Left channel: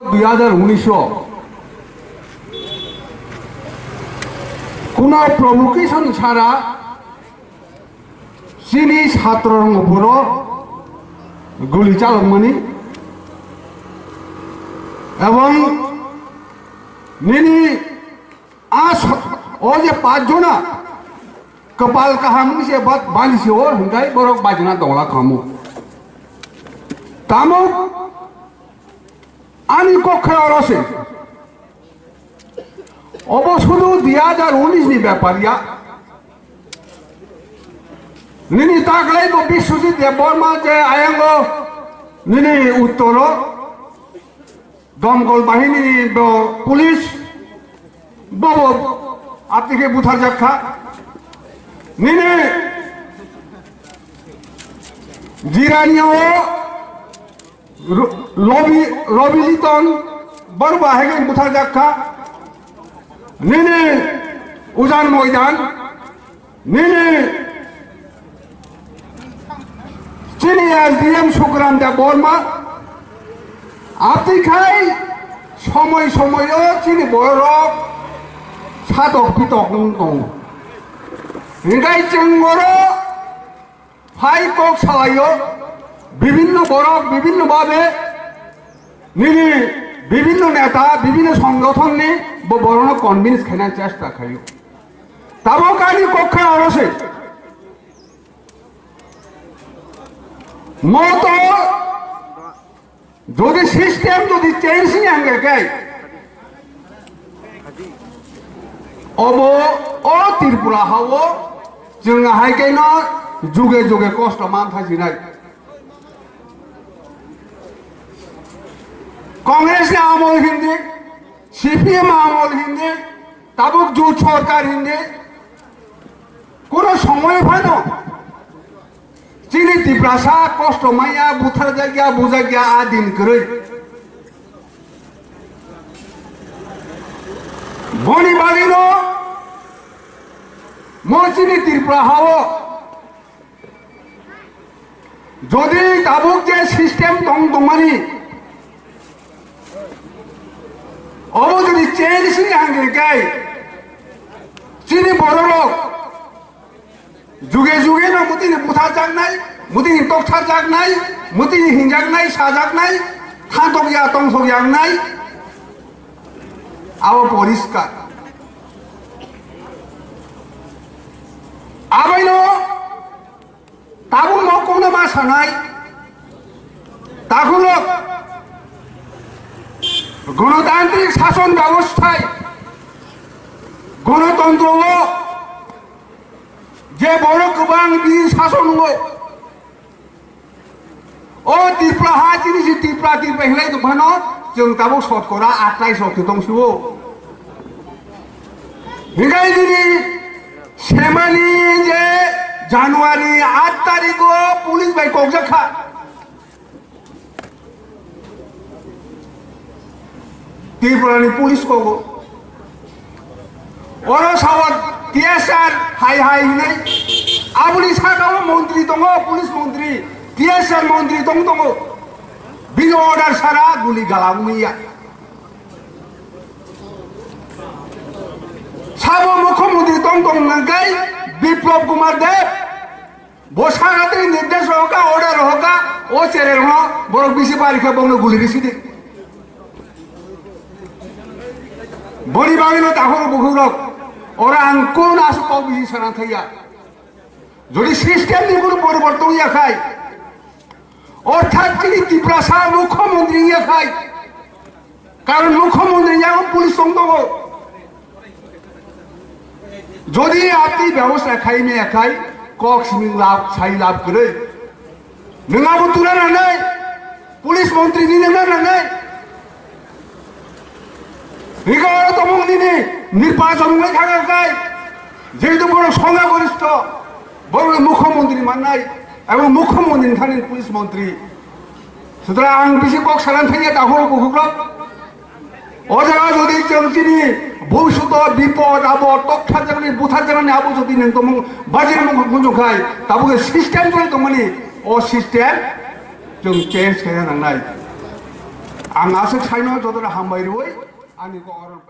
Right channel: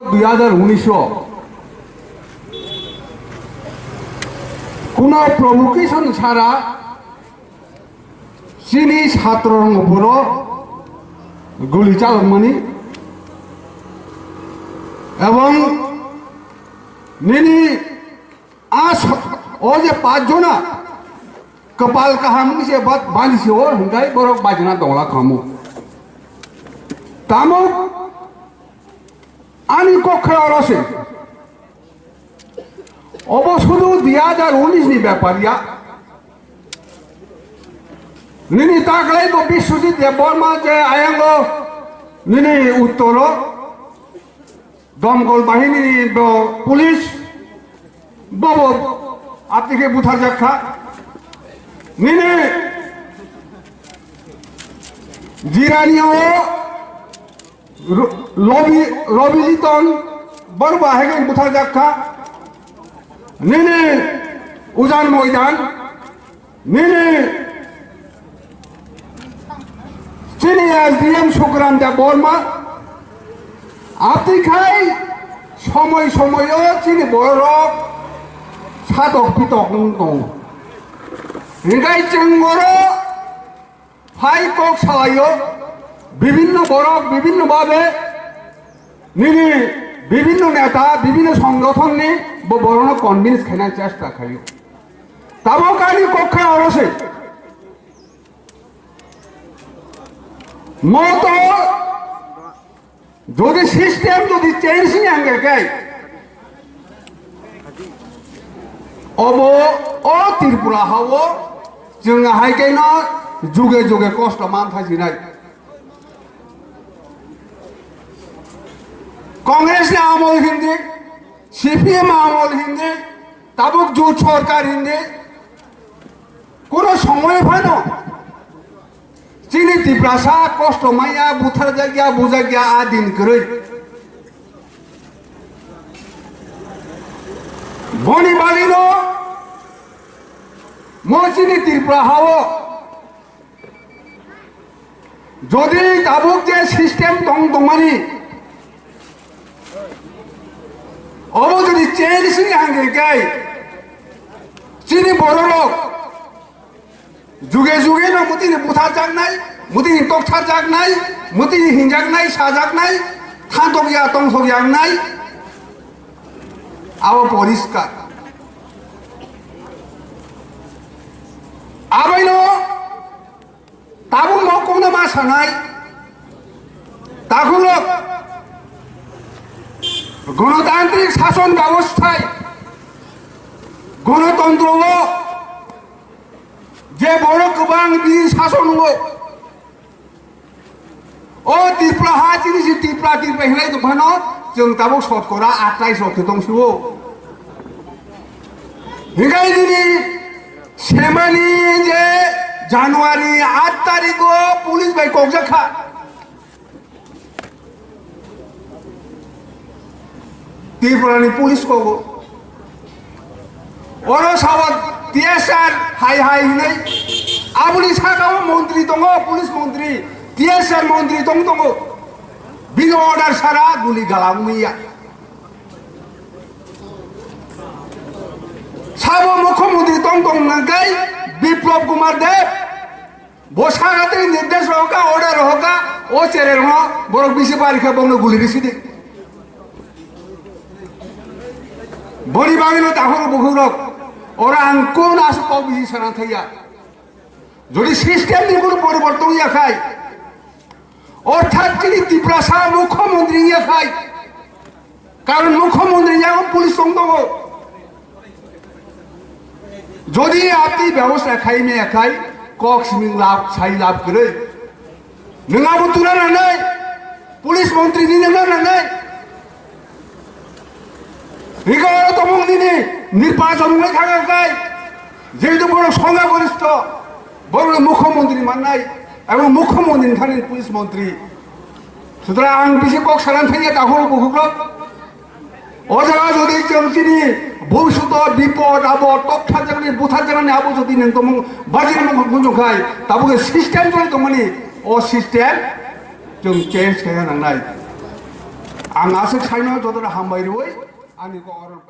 2019 কোনো প্রভোকেশন ছাড়া চীনি ছাত্রর উপর গুলি চালানি এবং নিনি ও যে 5 जना कपाल काहाम से बात बांधी से हो हिंगाई बरक बाजना दौला खामो तामो आनी कक्षे अरसे अब शुधु 2019 नि ব্যাপারিয়া निनी ताकले तो विश्वजित देवबर्मा जे आयांग निनी उत्तर दमकल बाहिनी पुलिस बब आपके बुथा जाखा निने जिरानियो रबिलितन बरबा है बुथा जाखा निने उजान मैदान निने चीनी एसडीएम सुग्राम देवबर्मा आतिखाय समय समय चीनी बरक साधक पिटक दं हिंगाई चेंगरो फाइ कक सालायो विभिन्न बरक विभिन्न भावे निनी विभिन्न नेता विभिन्न संगठन ने बरन कन्विन्स खाना चेष्टा खायो ताबो कानी कक्षे अरसे मतो যদি সিস্টেম যদি চেঞ্জিং আঙ্গে গাই अब ओ त्रिपुरा हावो जों हायकेनो जुगे जुगे कष्ट मानथाजिनाय कांग्रेस ने आमल हिंदी सीपीएम आमल हिंदी ताबुक जुट सरकार हिंदी कोनो समय फानो चीनी त्रिपुरासा कष्ट माया बुथार जागिया बुजागिया आ दिन करे बनी बालिनो मचिनी त्रिपुरा हावो जदि ताबुक जे सिस्टेम दं दंमानी अब जदि चेंजिंग आंगे गाय चीनी बरलोक जुगे जुगे न मुतिनी बुथार जागनाय मुतिनी टकथार जागनाय मुतिनी हिंजागनाय साजागनाय थांतगिया तंसगियागनाय आव परिष्कार आबाइनो ताबु मकौनो मा सानाय ताकुलो गणतांत्रिक शासन व्यवस्थाय गणतंत्र जे बड़ गोबां बिदि शासन ओ त्रिपुरा हा जिनिस त्रिपुरा हिंगाय दंफानो जों ताबो शतकरा 28 दंसो हिंगाय दिनी सेमानी जे जानुवारी 8 तारिख पुलिस बाय कक्जाखा त्रिपुरानि पुलिस को ओरो सावत टीएसआर हाय हाय हिनै आबुनि सागाव मंत्री दङ पुलिस मंत्री टीएसआर मंत्री दङ बिनि अर्डार सारा गुली गालांगैया साबो मुख्यमंत्री दं नंगाय विप्लव कुमार देव बसागाते निर्देश होगा ऑर्डर होगा ओ चेरेर हो बरक बिसि बारिखा बंनो गुली रिसिदि बड़ी बागिनो दाखर बहुरक ओरा आं कोन आसु पाव बिसि साना थाया যদি সিস্টেম नि কোনো পরিবর্তন ইয়াখায় অর্থাৎ তিনি त्रिपुरा मुख्यमंत्री ইয়াখায় কারণ মুখ্যমন্ত্রী যেমন পুলিশ দङ যদি আপনি ব্যবস্থা খাইনে একাই কক সিমিং লাভ ছাই লাভ করে নङाबो তুলে নাनै পুলিশ মন্ত্রী নিনে নাनै বিগত তমং দিনে নির্বাচন হয়ে থাকায় যেহেতু বড় সংখ্যাগরিষ্ঠ বড় মুখ্যমন্ত্রী মাননাই এবং মুখ্যমন্ত্রী থাকেন পুলিশ মন্ত্রী সুতরাং আং বেশি কক সারান থেকে তাহলে বহুগ্রহ অজানা যদি চিনি ভবিষ্যৎ বিপদ আবদ তথ্য জানি বুথার জানি আবো যদি নং তমং বাজির মুজুখাই তাবুকে সিস্টেম চলে তমানি ও সিস্টেম जों change खालामनांनाय ang asik saino jodora hambairi oi ani ko oron